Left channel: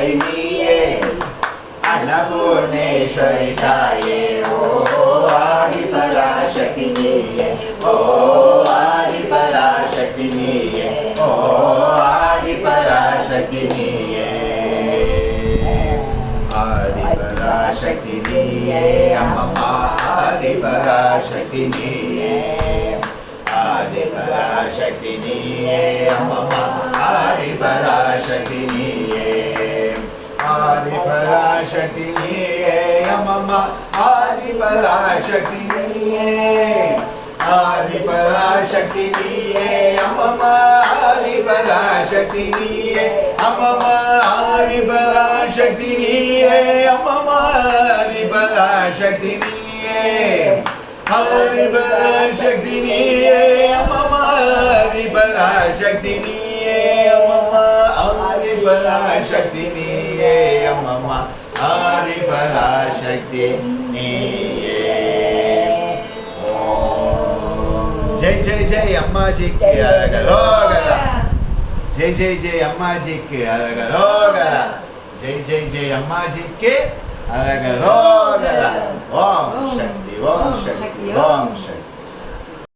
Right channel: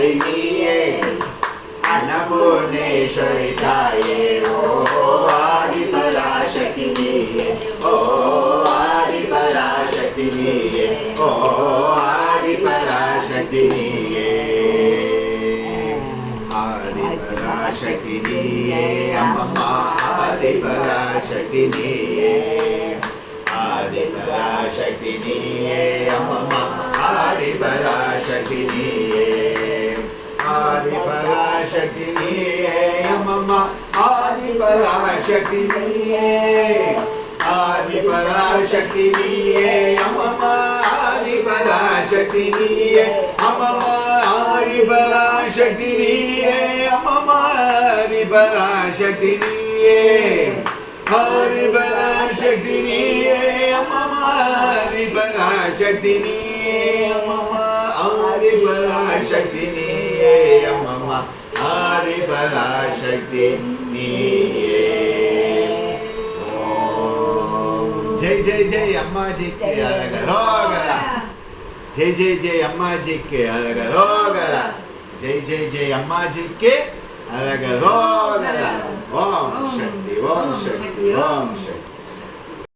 அன்னை நீயே அன்னபூர்ணேஸ்வரி தாயே ஓ ஆதிபராசக்தி நீயே ஓ ஆதிபராசக்தி நீயே ஓ ஆதிபராசக்தி நீயே ஆதிபராசக்தி நீயே அம்மம்மா ஆதிபராசக்தி நீயே ஆதிபராசக்தி நீயே அம்மம்மா ஆதிபராசக்தி நீயே ஆதிபராசக்தி நீயே அம்மம்மா ஆதிபராசக்தி நீயே ஆதிபராசக்தி நீயே அம்மம்மா ஆதிபராசக்தி நீயே அம்மம்மா ஆதிபராசக்தி நீயே அம்மம்மா ஆதிபராசக்தி நீயே ஆதிபராசக்தி நீயே அம்மம்மா ஆதிபராசக்தி நீயே அம்மம்மா ஆதிபராசக்தி நீயே அம்மம்மா ஆதிபராசக்தி நீயே जय जय जय अम्मा जी के अरगरोगरा जय जय जय अम्मा जी के अरगरोगरा जय जय जय अम्मा जी के अरगरोगरा ओम शक्ति ओम शक्ति ओम शक्ति